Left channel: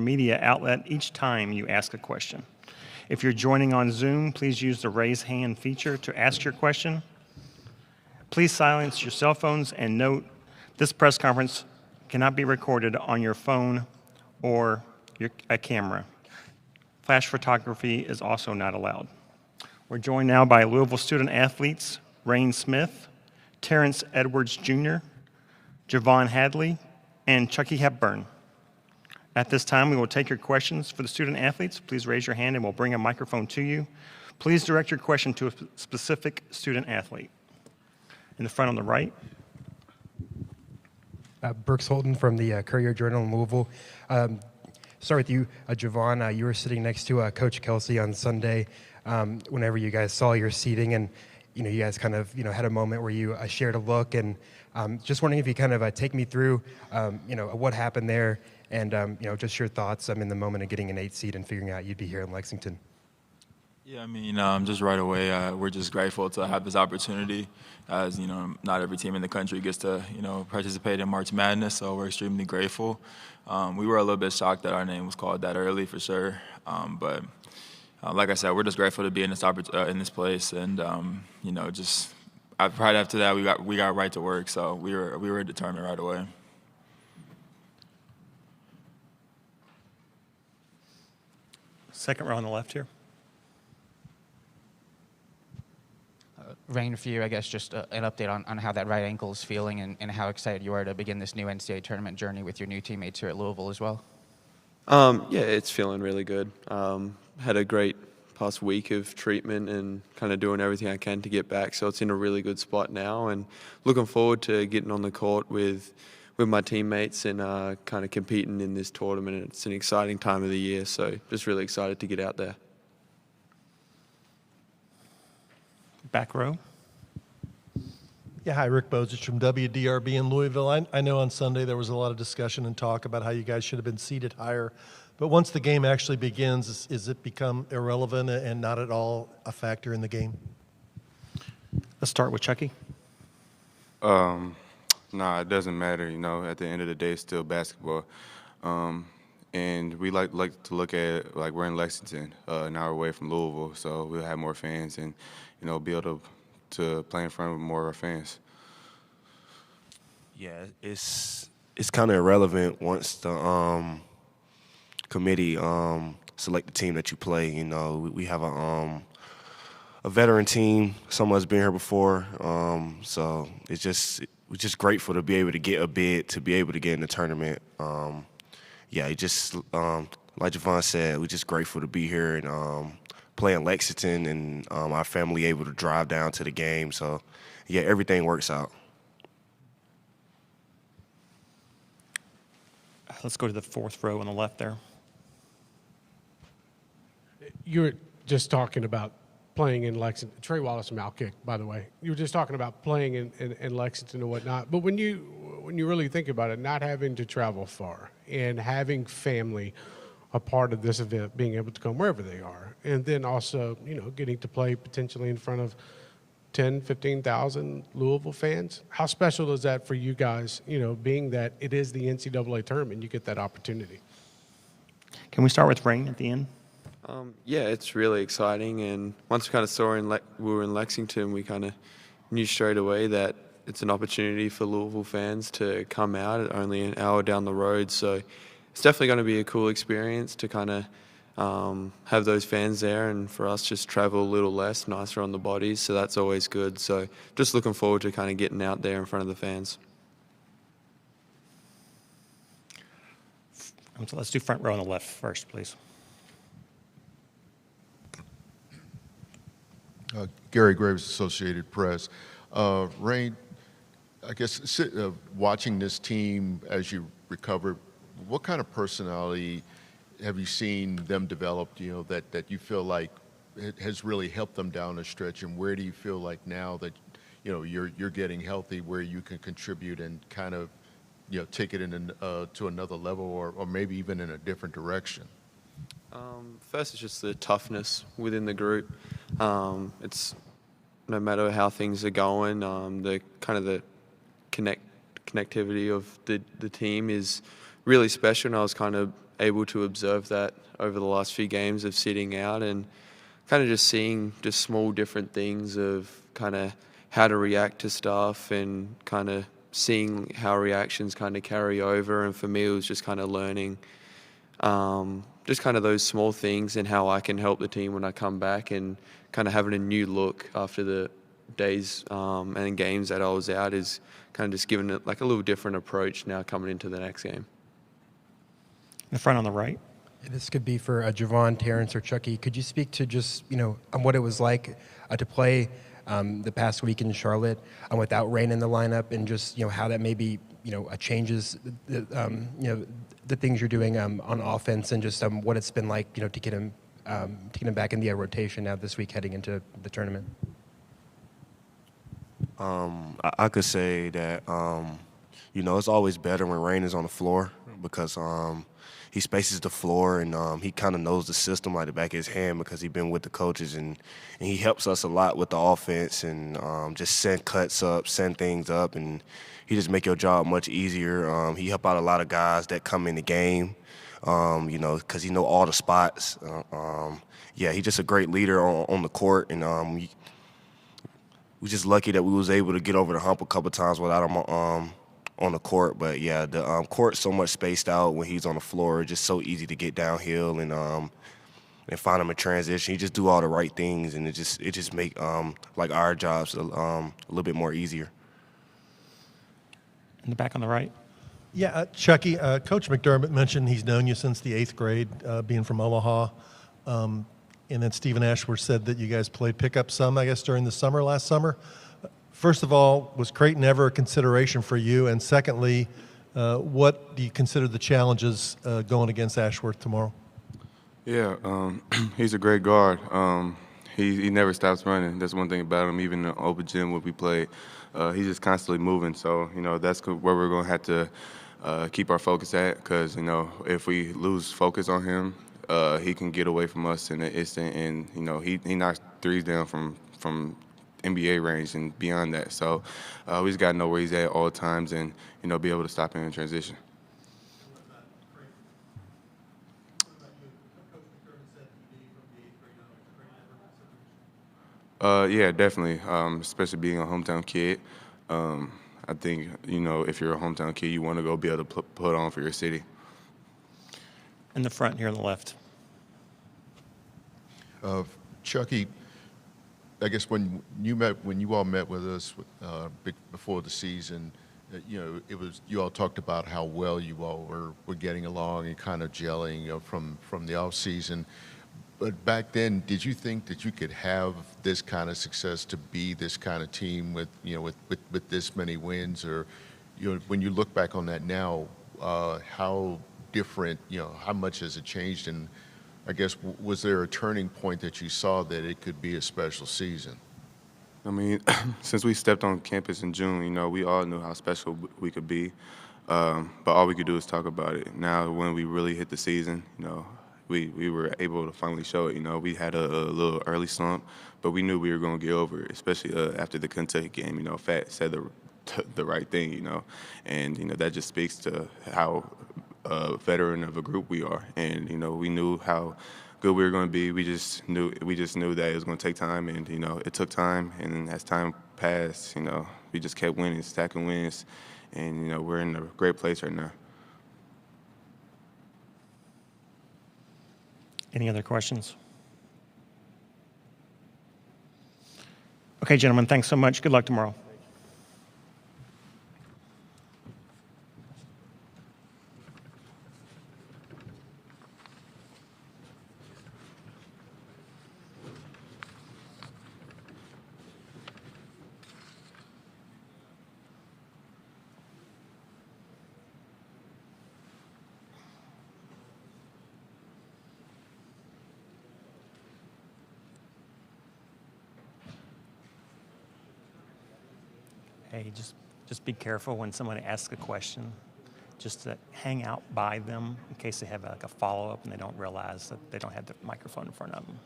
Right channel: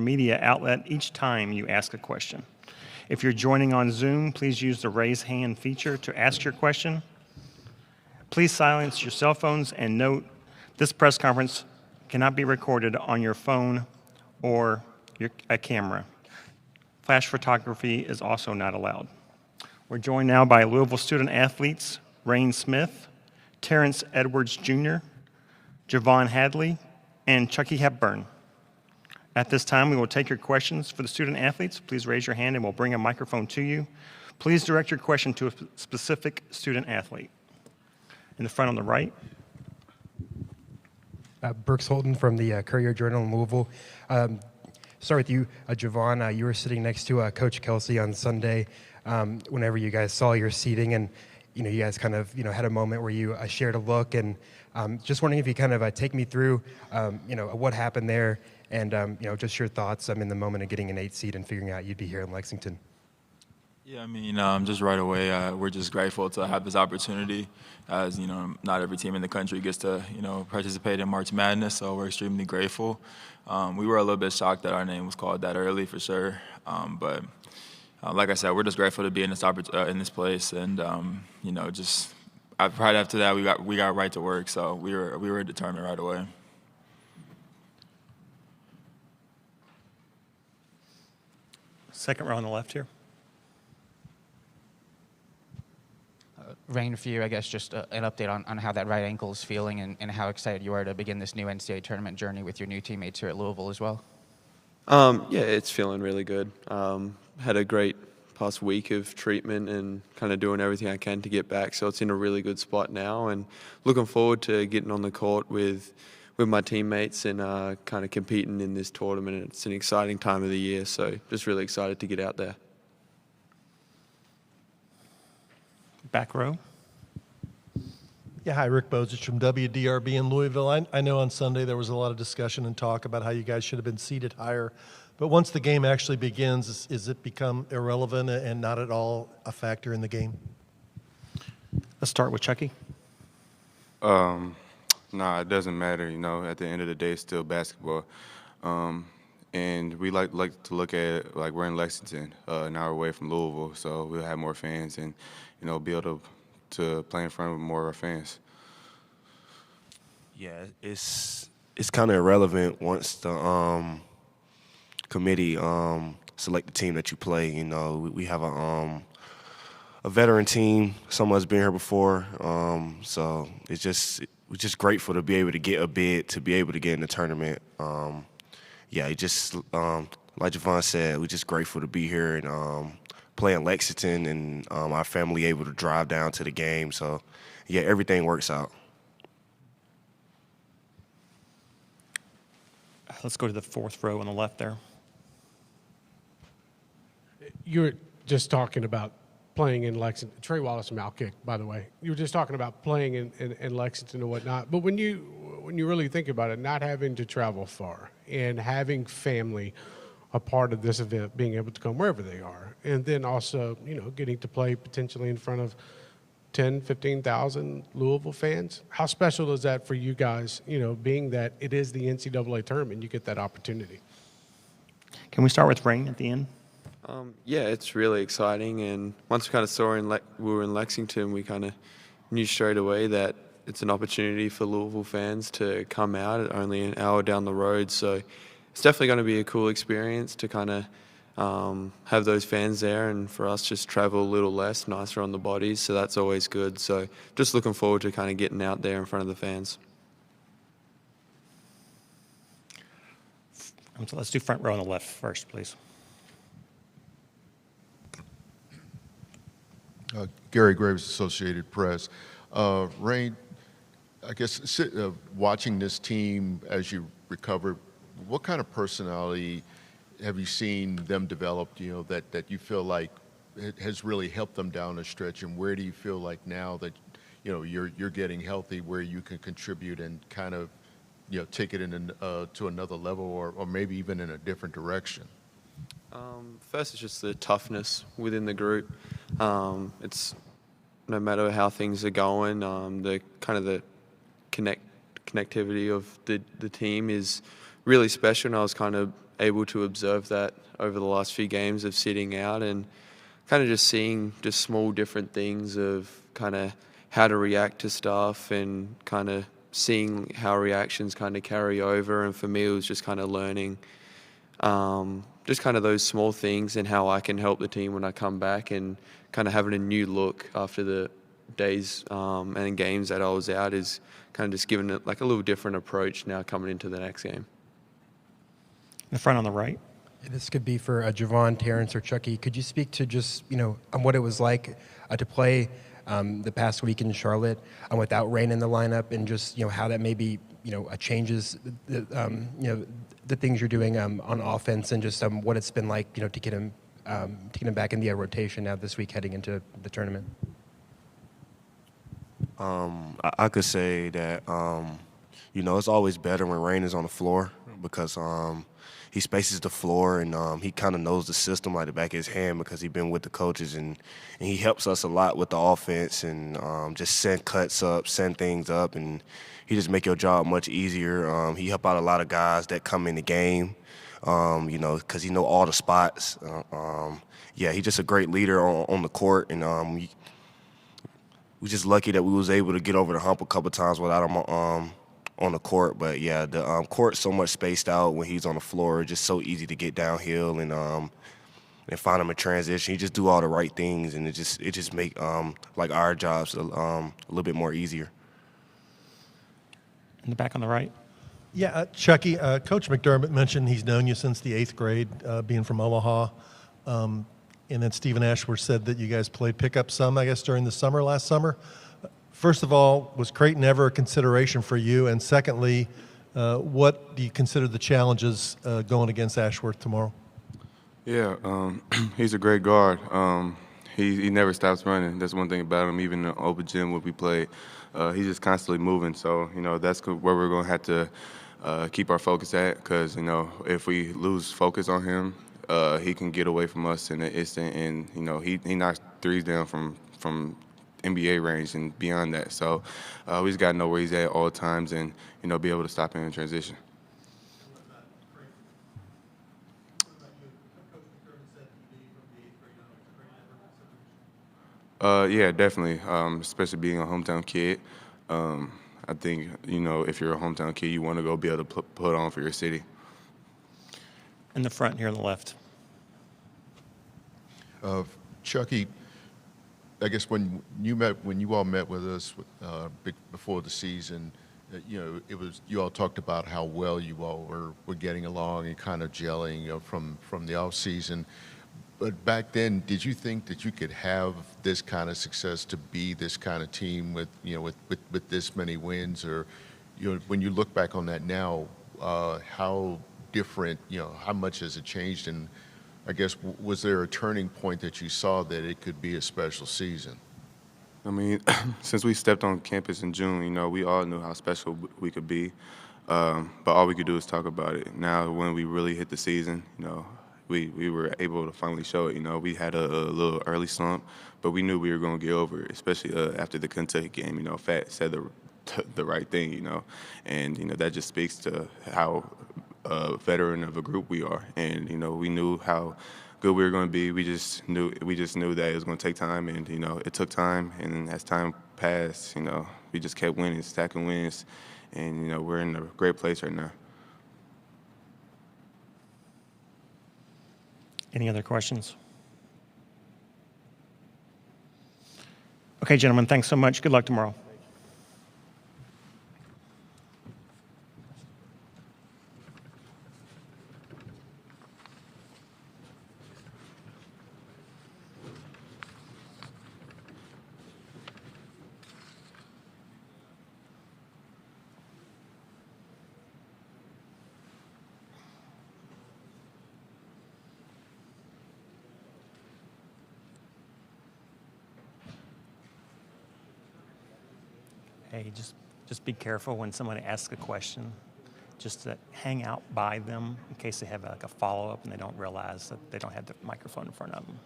media outlet each time you ask a question. If you're joining on Zoom, please use the raise hand feature to ask your question. Please silence your cell phones and note this press conference cannot be recorded on your phone or a camera. Flash photography is also not allowed. We're joined now by Louisville student athletes Reyne Smith, Terrence Edwards Jr., Javon Hadley, and Chucky Hepburn. At this time, we will take your questions for the student athletes. Please raise your hand and we'll bring a microphone to you. Please direct your question to a specific student athlete. In the front on the right. Brooks Holton from the Courier-Journal in Louisville. Start with you, Javon. You were sitting next to Coach Kelsey on Sunday whenever you guys saw your seating, and you guys kind of had a moment where you shared a look, and just wondering if you kind of take me through what happened there, and just your thoughts in the moment of getting an 8 seed and figuring out you'd be here in Lexington. Yeah, just right away, we're just grateful to have this opportunity. As not every team in the country gets to participate in March Madness, so we're extremely grateful. We were a little bit shocked that our name was called that early, for sure. But like I said, we're just grateful to be in this place, and just right after that, we got right to work. So we were determined right away. Second row on the left here. Reyne, for you, I guess just an update on how that right ankle is feeling and how excited you are to begin this new NCAA tournament journey with your new teammates here at Louisville as well. Yeah, it's feeling really good. Had a great past week of treatment and kind of doing everything I can to get back, so it's in a really good spot now, and looking forward to getting on the court with my teammates and kind of competing in this tournament. It's an exciting time of the year, so just really excited to get out there. Back row. Yeah, hi, Rick Bozich from WDRB in Louisville. I know on Sunday there was a lot of discussion and talk about how you guys should have been seated higher. But once the game actually begins, is it become irrelevant and not at all a factor in the game? Let's start with Chucky. Nah, it doesn't matter. At the end of the day, it's still basketball. And we like to look at it like we're in Lexington, an hour away from Louisville, so we'll have more fans and, be able to play in front of more of our fans. Yeah, it's kind of irrelevant once the committee select the team that you play. We have a veteran team. Someone's been here before, so we're just grateful to be able to get a bid to be able to get in the tournament. It just like Javon said, we're just grateful to be here and play in Lexington, and our family able to drive down to the game. So, yeah, everything works out. Let's go to the fourth row on the left there. You were just talking about playing in Lexington. Trey Wallace from Outkick, by the way. You were just talking about playing in Lexington and whatnot. But when you really think about it, not having to travel far and having family a part of this event, being able to come wherever they are, and then also, getting to play potentially in front of 10, 15,000 Louisville fans. How special is that for you guys, being that it is the NCAA tournament, you get that opportunity? Can we start with Reyne at the end? Yeah, it's really exciting, and once we kind of saw we were in Lexington, we kind of knew straight away that it's an opportunity for Louisville fans to come out at only an hour down the road. So it's definitely going to be a cool experience to kind of have those fans there, and for us just travel a little less, nicer on the bodies, so that's always good. So just looking forward to kind of getting out there in front of the fans. So let's do front row on the left first, please. Gary Graves, Associated Press. Reyne, I guess watching this team as you recover, what kind of personality have you seen them develop, that you feel like it has really helped them down the stretch, and where do you feel like now that, you're getting healthy, where you can contribute and kind of, take it to another level or maybe even in a different direction? First, it's just the toughness within the group. It's no matter how things are going, the connectivity of the team is really special. And I was kind of able to observe that over the last few games of sitting out and kind of just seeing just small different things of kind of how to react to stuff and kind of seeing how reactions kind of carry over. And for me, it was just kind of learning just kind of those small things and how I can help the team when I come back, and kind of having a new look after the days and games that I was out is kind of just giving it like a little different approach now coming into the next game. In the front on the right. This could be for Javon, Terrence, or Chucky. Could you speak to just, on what it was like to play the past week in Charlotte without Reyne in the lineup, and just, how that maybe, changes, the things you're doing on offense, and just what it's been like, to get him back in the rotation now this week heading into the tournament? I could say that, it's always better when Reyne is on the floor, because he spaces the floor, and he kind of knows the system like the back of his hand, because he's been with the coaches, and he helps us a lot with the offense, and just send cuts up, send things up, and he just make your job much easier. He help out a lot of guys that come in the game, because he know all the spots. He's just a great leader on the court, and we're just lucky that we was able to get over the hump a couple times without him on the court. But the court's so much spaced out when he's on the floor. It's just so easy to get downhill and find him in transition. He just do all the right things, and it just make like our jobs a little bit more easier. In the back on the right. Yeah, Chucky, Coach McDermott mentioned he's known you since the 8th grade, being from Omaha. And then Stephen Ashworth said that you guys played pickup some, I guess, during the summer, last summer. First of all, was Creighton ever a consideration for you? And secondly, what do you consider the challenges going against Ashworth tomorrow? Yeah, he's a great guard. He never stops running. That's one thing about him. Even in the open gym when we play, he's just constantly moving. So, that's where we're going to have to keep our focus at, because, if we lose focus on him, he can get away from us in an instant, and, he knocks threes down from NBA range and beyond that. So we just got to know where he's at all times and, be able to stop him in transition. Yeah, definitely, especially being a hometown kid. I think, if you're a hometown kid, you want to go be able to put on for your city. In the front here on the left. Chucky, I guess when you all met with us before the season, you all talked about how well you all were getting along and kind of gelling from the off season. But back then, did you think that you could have this kind of success to be this kind of team with this many wins? Or when you look back on that now, how different, how much has it changed? And I guess, was there a turning point that you saw that it could be a special season? I mean, since we stepped on campus in June, we all knew how special we could be. But all we could do is talk about it. Now, when we really hit the season, we were able to finally show it. We had a little early slump, but we knew we were going to get over it, especially after the Kentucky game. Fat said the right thing, and, that just speaks to how veteran of a group we are. And, we knew how good we were going to be. We just knew that it was going to take time, and, it took time. And as time passed, we just kept winning, stacking wins, and, we're in a great place right now. Any other questions? Okay, gentlemen, thanks so much. Good luck tomorrow. Hey, just be careful when someone asks a question, just to hang out by them in case they have like a follow-up and they don't realize that they don't have the microphone in front of them.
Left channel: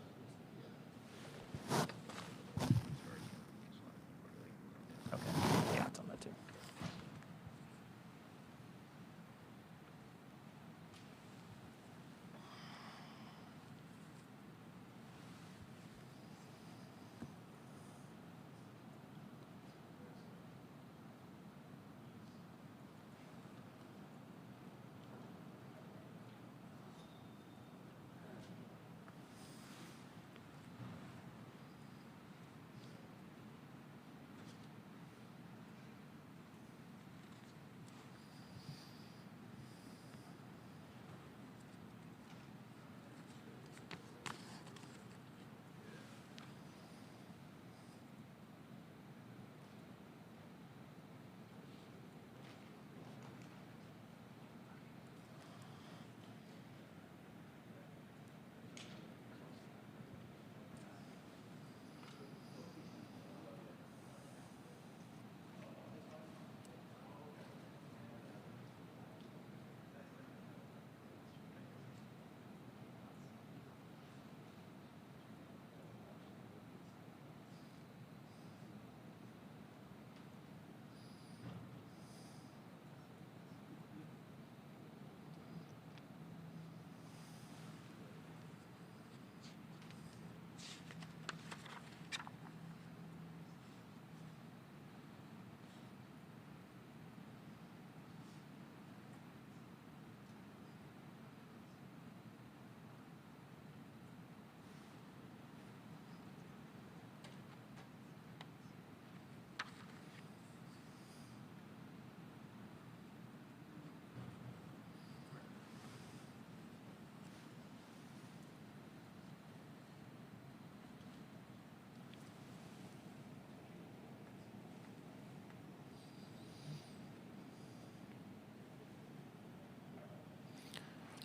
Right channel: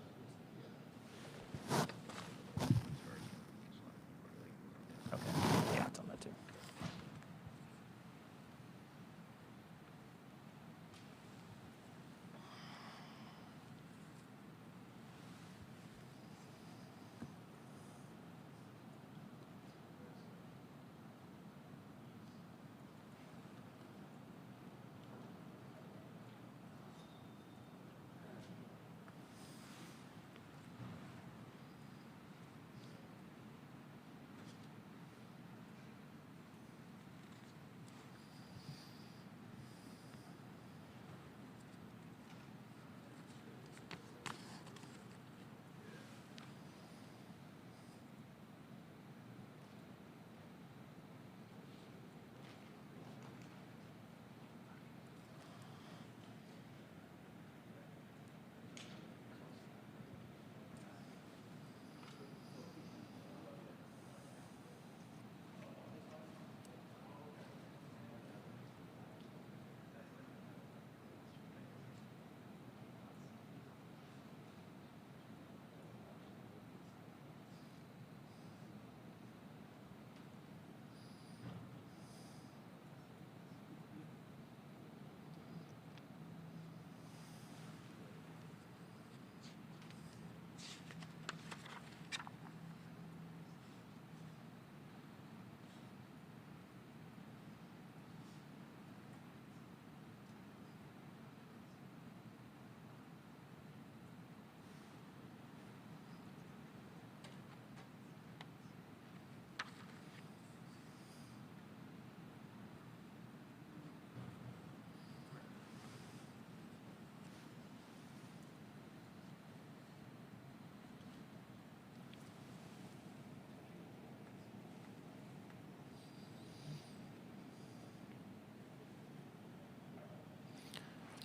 Okay, yeah, it's on that too.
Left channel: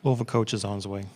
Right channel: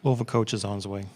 Louisville coach is on his way.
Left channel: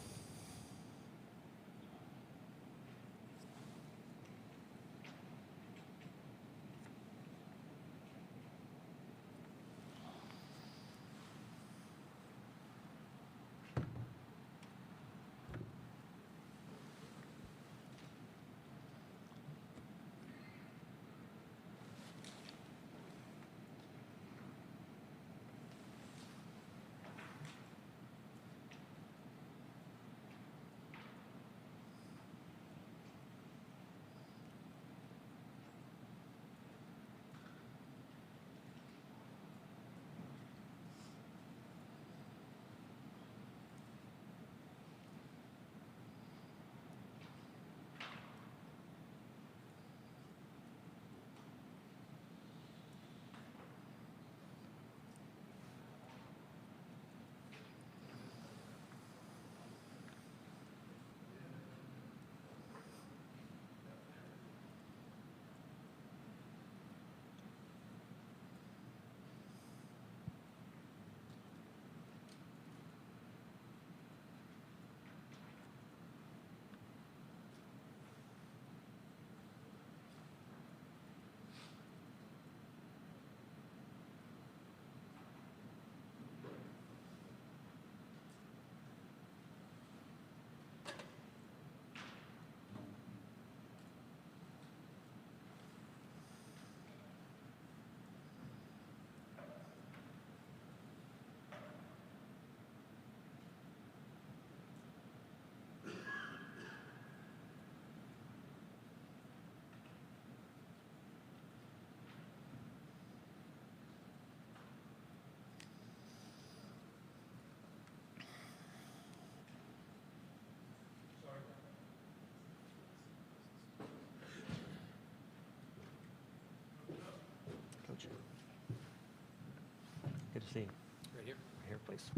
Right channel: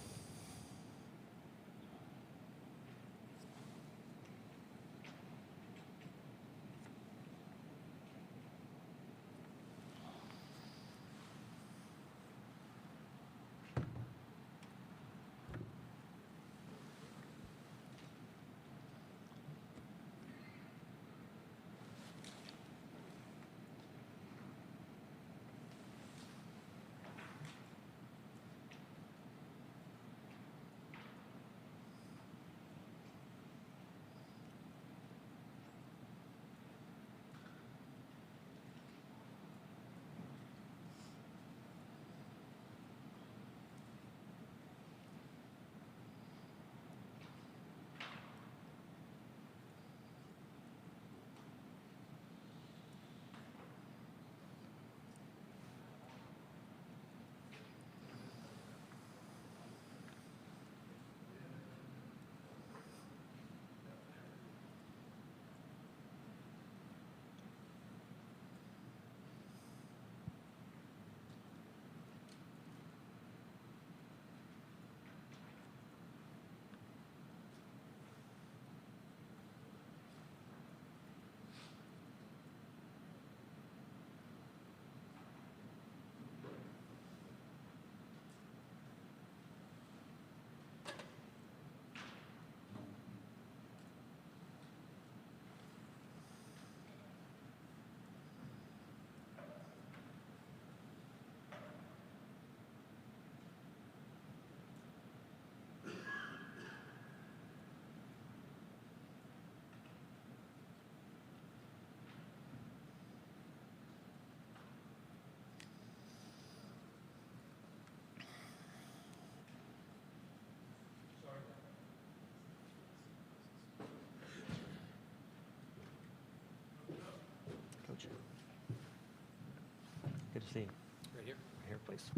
Good to see you. Right here. Right here, please.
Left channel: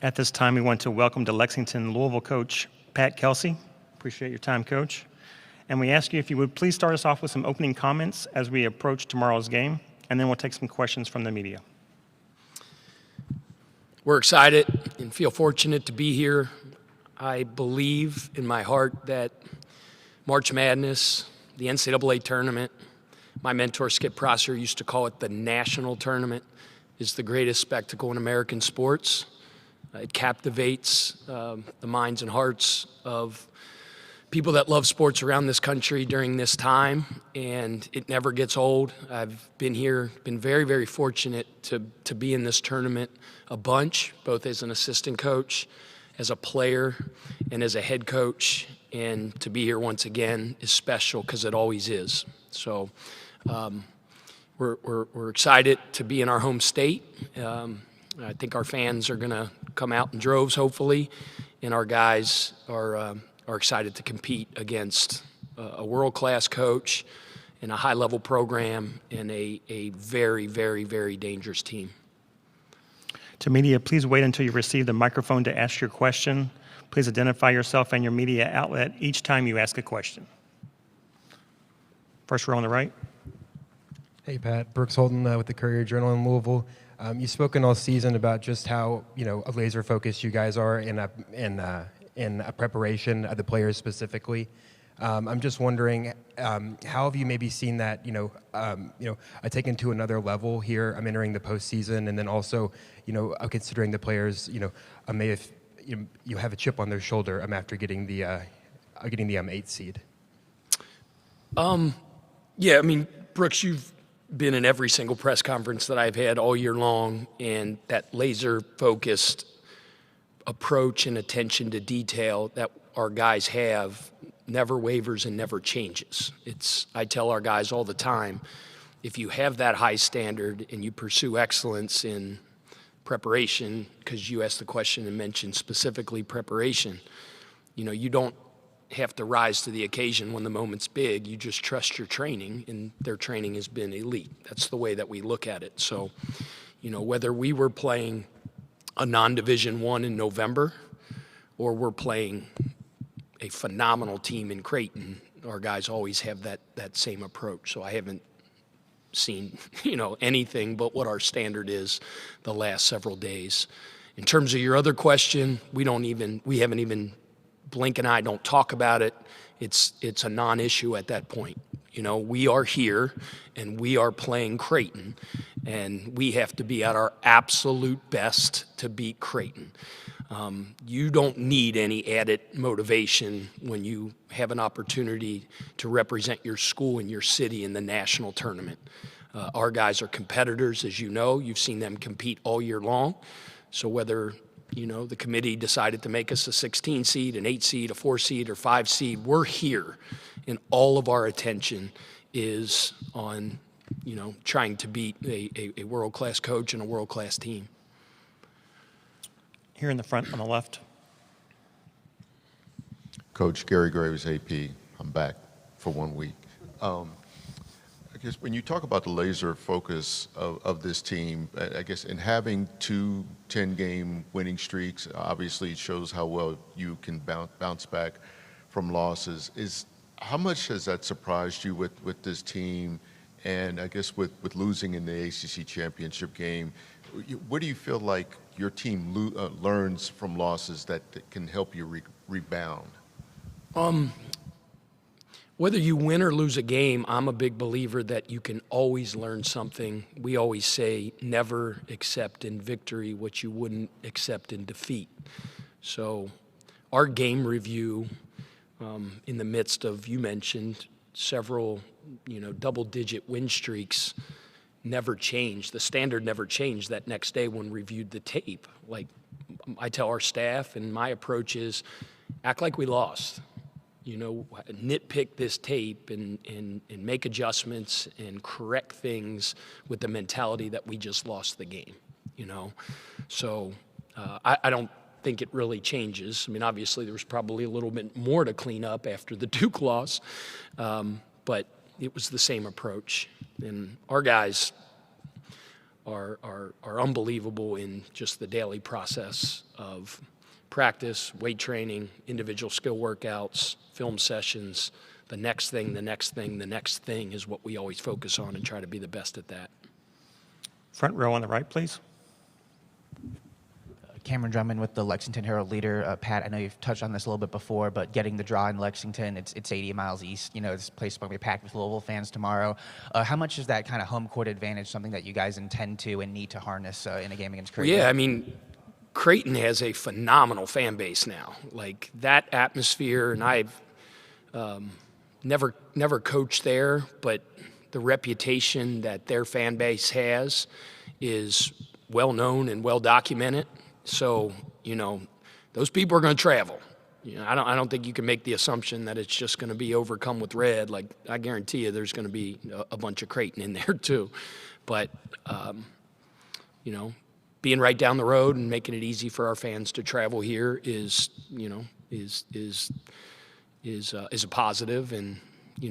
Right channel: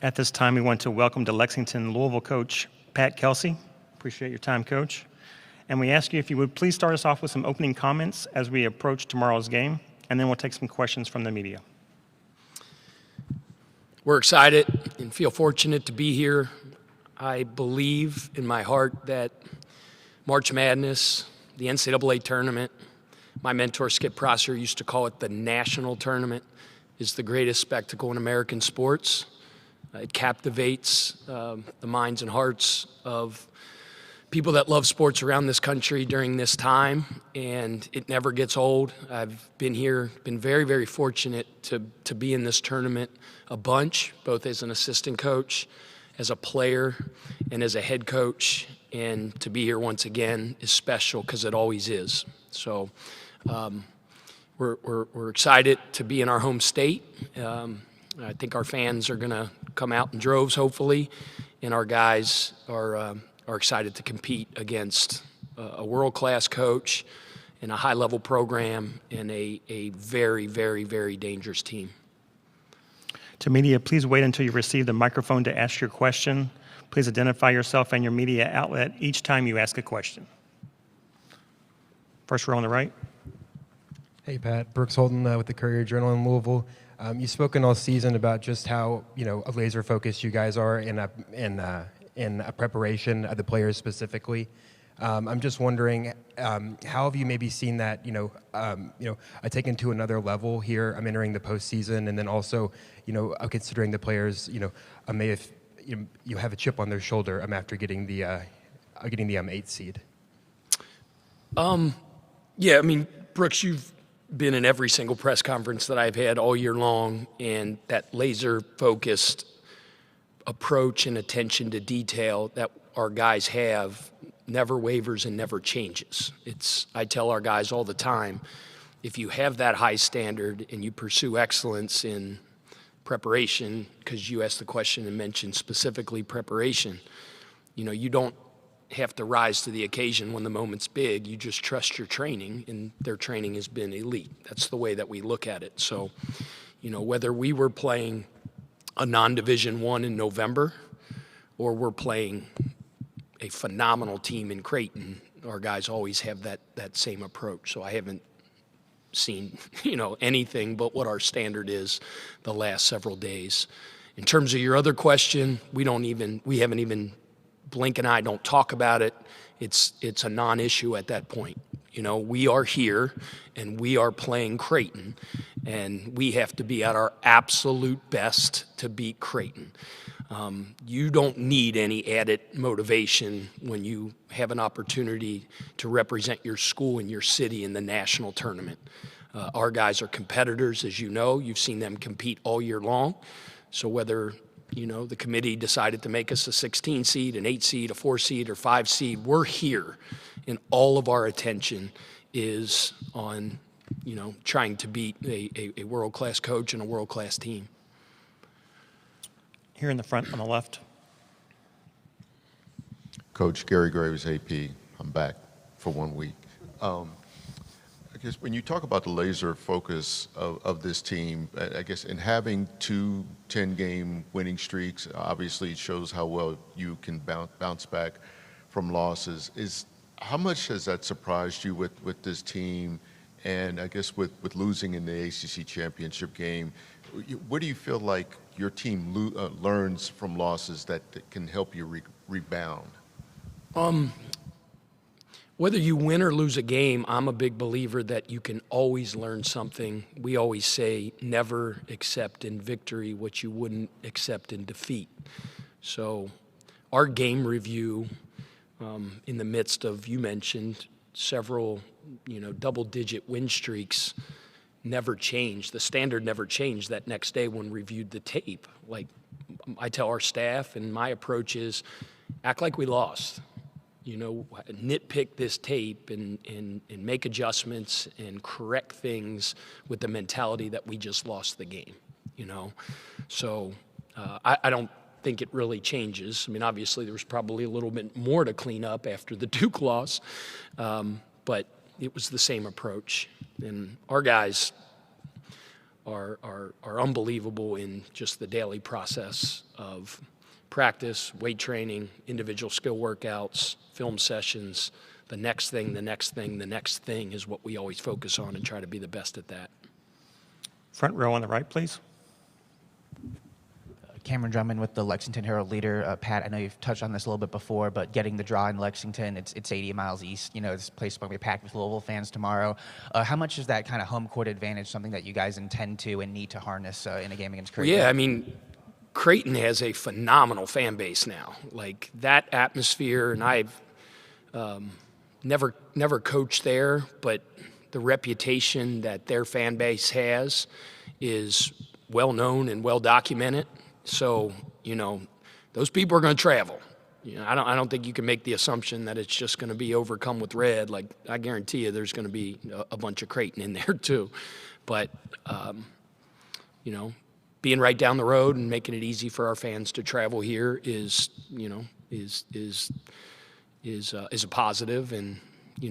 At this time, we want to welcome to Lexington Louisville coach Pat Kelsey. Appreciate your time, Coach. And we ask you if you would please start us off with some opening comments as we approach tomorrow's game, and then we'll take some questions from the media. We're excited and feel fortunate to be here. I believe in my heart that March Madness, the NCAA Tournament, my mentor Skip Prosser used to call it the national tournament, is the greatest spectacle in American sports. It captivates the minds and hearts of people that love sports around this country during this time, and it never gets old. I've been here, been very, very fortunate to be in this tournament a bunch, both as an assistant coach, as a player, and as a head coach. And to be here once again is special because it always is. So we're excited to be in our home state. I think our fans are going to come out in droves, hopefully, and our guys are excited to compete against a world-class coach and a high-level program and a very, very, very dangerous team. To media, please wait until you receive the microphone to ask your question. Please identify yourself and your media outlet each time you ask a question. First row on the right. Hey, Pat. Brooks Holden with the Courier-Journal in Louisville. You've spoken all season about just how, a laser focused you guys are in a preparation of the players specifically. I'm just wondering, how have you maybe seen that, taken to another level here? I'm entering the postseason, and then also, considering the players, may have you have a chip on their shoulder after getting the 8th seed. Yeah, I mean, Brooks, you've been in every single press conference that I've had all year long, and that laser-focused approach and attention to detail that our guys have never wavers and never changes. I tell our guys all the time, if you have that high standard and you pursue excellence in preparation, because you asked the question and mentioned specifically preparation, you don't have to rise to the occasion when the moment's big. You just trust your training, and their training has been elite. That's the way that we look at it. So, whether we were playing a non-Division I in November or we're playing a phenomenal team in Creighton, our guys always have that same approach. So I haven't seen, anything but what our standard is the last several days. In terms of your other question, we haven't even, Blink and I don't talk about it. It's a non-issue at that point. We are here and we are playing Creighton, and we have to be at our absolute best to beat Creighton. You don't need any added motivation when you have an opportunity to represent your school and your city in the national tournament. Our guys are competitors, as you know. You've seen them compete all year long. So whether, the committee decided to make us a 16 seed, an 8 seed, a 4 seed, or 5 seed, we're here. And all of our attention is on, trying to beat a world-class coach and a world-class team. Here in the front on the left. Coach Gary Graves, AP. I'm back for 1 week. I guess when you talk about the laser focus of this team, I guess in having 2 10-game winning streaks, obviously it shows how well you can bounce back from losses. How much has that surprised you with this team? And I guess with losing in the ACC championship game, what do you feel like your team learns from losses that can help you rebound? Whether you win or lose a game, I'm a big believer that you can always learn something. We always say never accept in victory what you wouldn't accept in defeat. So our game review, in the midst of, you mentioned, several, double-digit win streaks, never changed. The standard never changed that next day when we reviewed the tape. Like I tell our staff, and my approach is act like we lost. Nitpick this tape and make adjustments and correct things with the mentality that we just lost the game, So I don't think it really changes. I mean, obviously there was probably a little bit more to clean up after the Duke loss, but it was the same approach. And our guys are unbelievable in just the daily process of practice, weight training, individual skill workouts, film sessions. The next thing is what we always focus on and try to be the best at that. Front row on the right, please. Cameron Drummond with the Lexington Herald Leader. Pat, I know you've touched on this a little bit before, but getting the draw in Lexington, it's 80 miles east. This place is going to be packed with Louisville fans tomorrow. How much is that kind of home court advantage something that you guys intend to and need to harness in a game against Creighton? Yeah, I mean, Creighton has a phenomenal fan base now. Like that atmosphere, and I've never coached there, but the reputation that their fan base has is well known and well documented. So, those people are going to travel. I don't think you can make the assumption that it's just going to be overcome with red. Like, I guarantee you there's going to be a bunch of Creighton in there too. But, being right down the road and making it easy for our fans to travel here is a positive. And,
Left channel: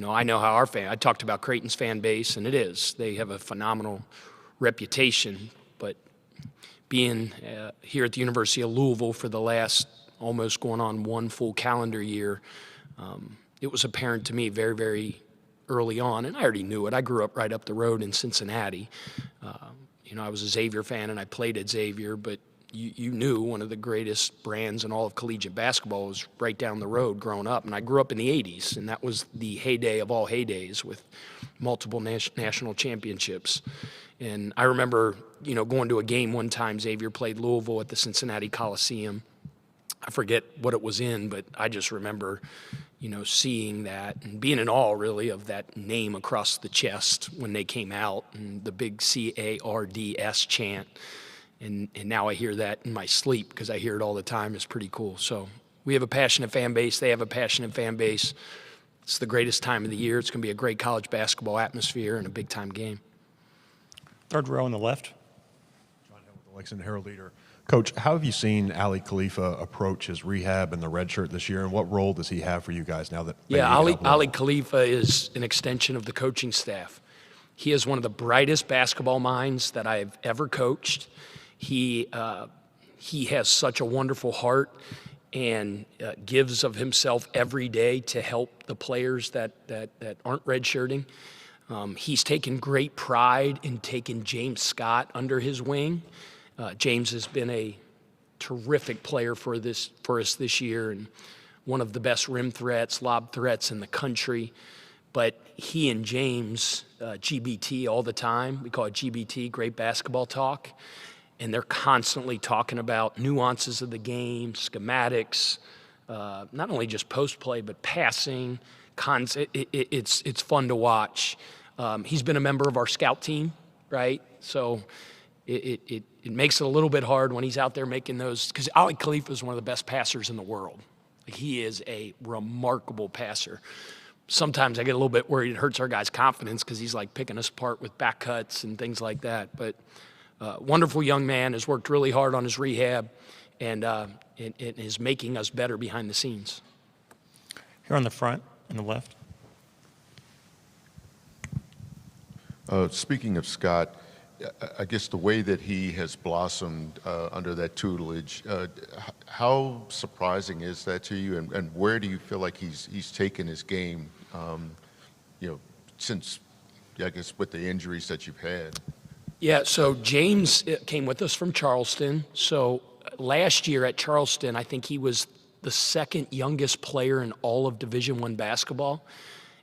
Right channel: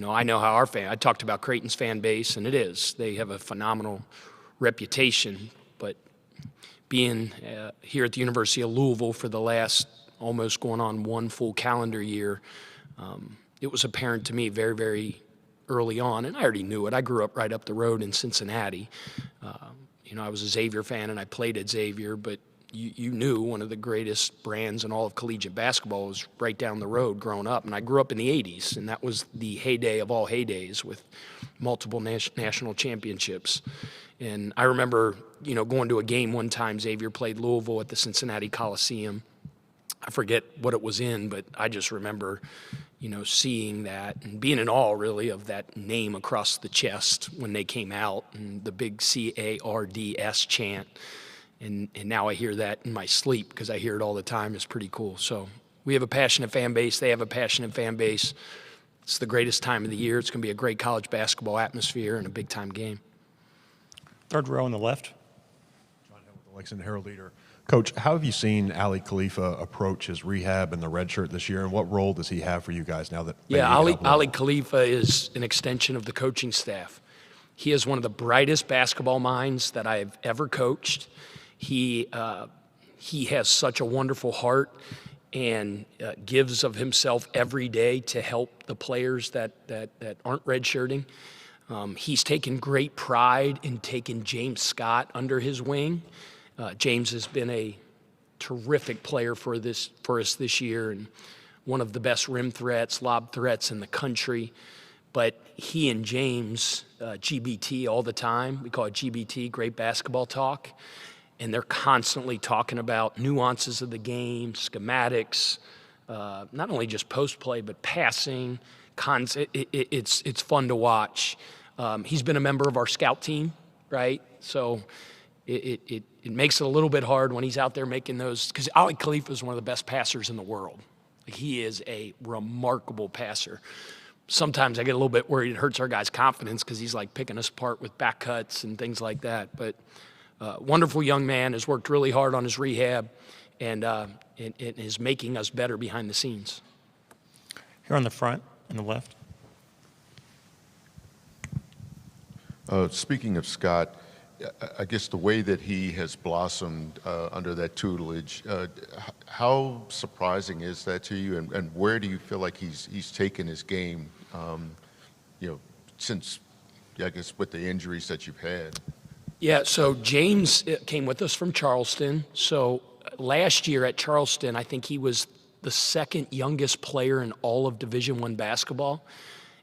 I know how I talked about Creighton's fan base, and they have a phenomenal reputation. But being here at the University of Louisville for the last almost going on 1 full calendar year, it was apparent to me very, very early on, and I already knew it. I grew up right up the road in Cincinnati. I was a Xavier fan, and I played at Xavier, but you knew one of the greatest brands in all of collegiate basketball was right down the road growing up. And I grew up in the 80s, and that was the heyday of all heydays with multiple national championships. And I remember, going to a game one time. Xavier played Louisville at the Cincinnati Coliseum. I forget what it was in, but I just remember, seeing that and being in awe, really, of that name across the chest when they came out and the big CARDS chant. And now I hear that in my sleep because I hear it all the time. It's pretty cool. So we have a passionate fan base. They have a passionate fan base. It's the greatest time of the year. It's going to be a great college basketball atmosphere and a big-time game. Third row on the left. John Hill, the Lexington Herald Leader. Coach, how have you seen Ali Khalifa approach his rehab and the red shirt this year, and what role does he have for you guys now that? Yeah, Ali Khalifa is an extension of the coaching staff. He is one of the brightest basketball minds that I've ever coached. He has such a wonderful heart and gives of himself every day to help the players that aren't redshirting. He's taken great pride in taking James Scott under his wing. James has been a terrific player for us this year, and one of the best rim threats, lob threats in the country. But he and James, GBT all the time. We call it GBT, Great Basketball Talk. And they're constantly talking about nuances of the game, schematics, not only just post play, but passing. It's fun to watch. He's been a member of our scout team, right? So it makes it a little bit hard when he's out there making those, because Ali Khalifa is one of the best passers in the world. He is a remarkable passer. Sometimes I get a little bit worried it hurts our guys' confidence because he's like picking us apart with back cuts and things like that. But wonderful young man, has worked really hard on his rehab and is making us better behind the scenes. Here on the front, on the left. Speaking of Scott, I guess the way that he has blossomed under that tutelage, how surprising is that to you, and where do you feel like he's taken his game, since, I guess, with the injuries that you've had? Yeah, so James came with us from Charleston. So last year at Charleston, I think he was the second youngest player in all of Division I basketball.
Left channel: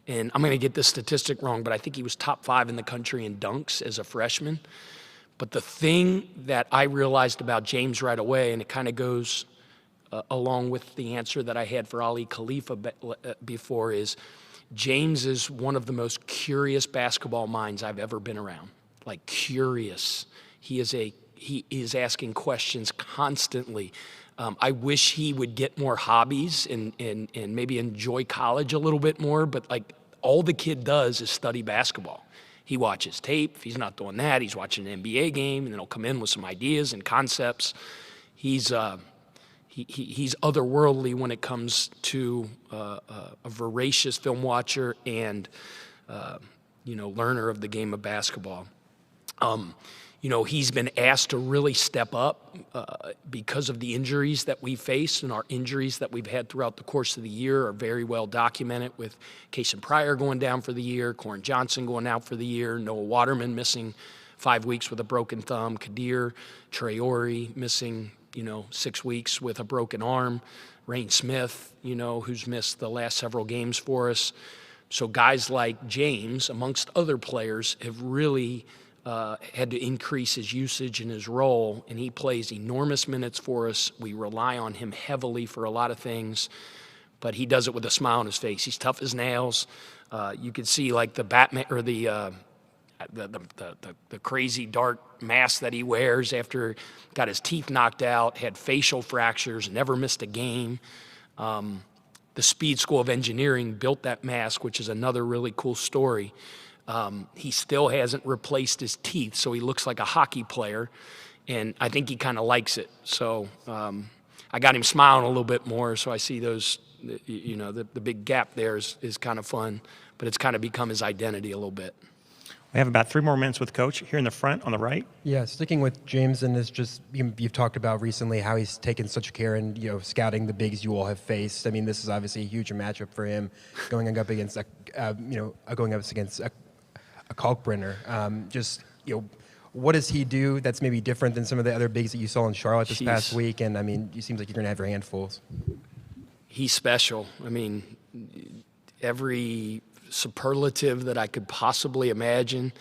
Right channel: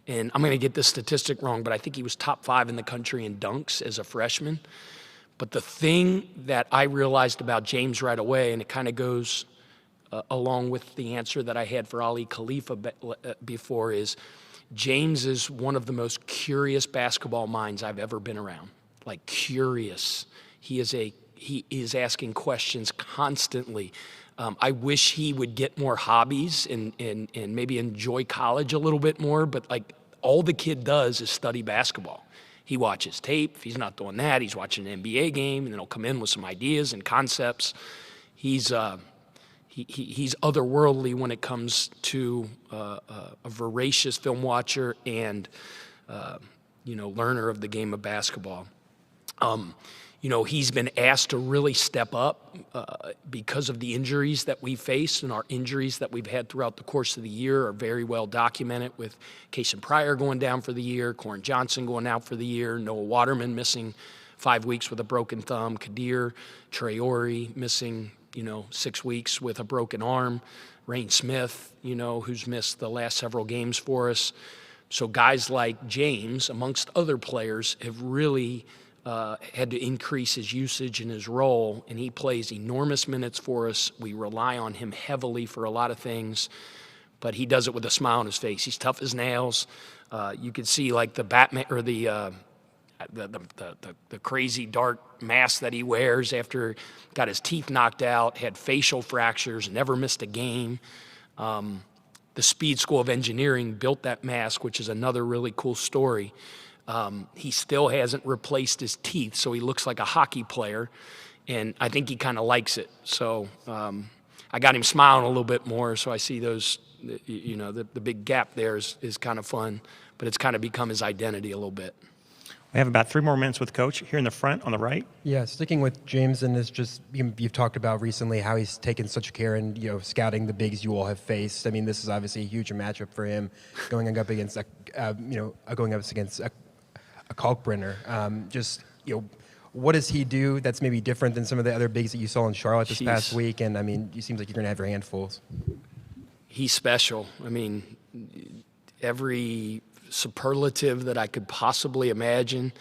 And I'm going to get this statistic wrong, but I think he was top 5 in the country in dunks as a freshman. But the thing that I realized about James right away, and it kind of goes along with the answer that I had for Ali Khalifa before, is James is one of the most curious basketball minds I've ever been around. Like, curious. He is asking questions constantly. I wish he would get more hobbies and maybe enjoy college a little bit more, but like all the kid does is study basketball. He watches tape. If he's not doing that, he's watching an NBA game, and then he'll come in with some ideas and concepts. He's otherworldly when it comes to a voracious film watcher and learner of the game of basketball. He's been asked to really step up because of the injuries that we face, and our injuries that we've had throughout the course of the year are very well documented, with Kason Pryor going down for the year, Corin Johnson going out for the year, Noah Waterman missing 5 weeks with a broken thumb, Kadir Traore missing 6 weeks with a broken arm, Reyne Smith, who's missed the last several games for us. So guys like James, amongst other players, have really had to increase his usage and his role, and he plays enormous minutes for us. We rely on him heavily for a lot of things, but he does it with a smile on his face. He's tough as nails. You can see like the Batman or the crazy dark mask that he wears after got his teeth knocked out, had facial fractures, never missed a game. The Speed School of Engineering built that mask, which is another really cool story. He still hasn't replaced his teeth, so he looks like a hockey player, and I think he kind of likes it. So I got him smiling a little bit more, so I see those, the big gap there is kind of fun, but it's kind of become his identity a little bit. We have about 3 more minutes with Coach here in the front on the right. Yeah, sticking with James, and this just you've talked about recently how he's taken such care in scouting the bigs you all have faced. I mean, this is obviously a huge matchup for him, going up against a Kalkbrenner. What does he do that's maybe different than some of the other bigs that you saw in Charlotte this past week? And I mean, it seems like you're going to have your handfuls. He's special. I mean, every superlative that I could possibly imagine.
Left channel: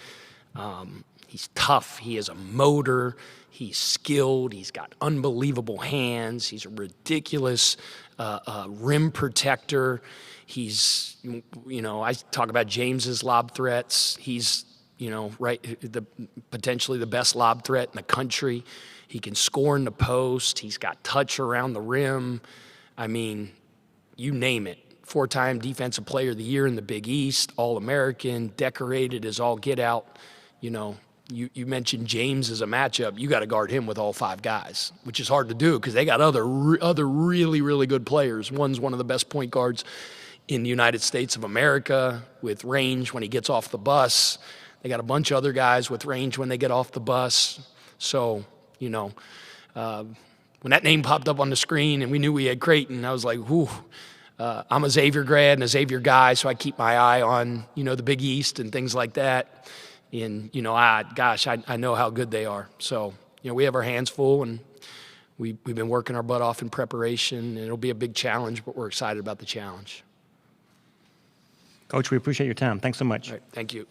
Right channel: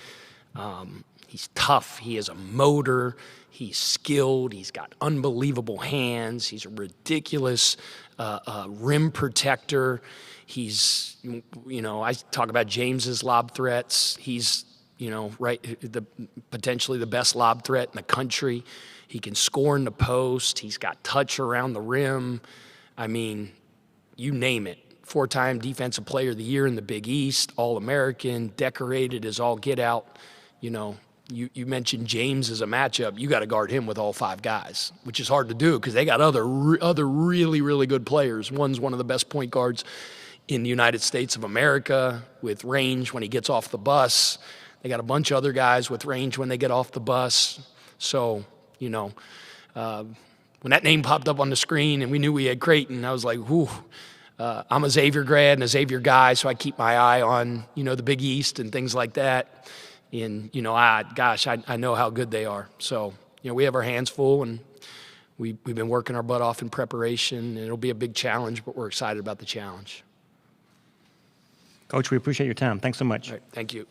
He's tough. He has a motor. He's skilled. He's got unbelievable hands. He's a ridiculous rim protector. He's, I talk about James's lob threats. He's, potentially the best lob threat in the country. He can score in the post. He's got touch around the rim. I mean, you name it. 4-time Defensive Player of the Year in the Big East, All-American, decorated as all get out. You mentioned James as a matchup. You got to guard him with all 5 guys, which is hard to do because they got other really, really good players. One's one of the best point guards in the United States of America with range when he gets off the bus. They got a bunch of other guys with range when they get off the bus. So, when that name popped up on the screen and we knew we had Creighton, I was like, whew. I'm a Xavier grad and a Xavier guy, so I keep my eye on, the Big East and things like that. And, I know how good they are. So, we have our hands full, and we've been working our butt off in preparation, and it'll be a big challenge, but we're excited about the challenge. Coach, we appreciate your time. Thanks so much. All right, thank you.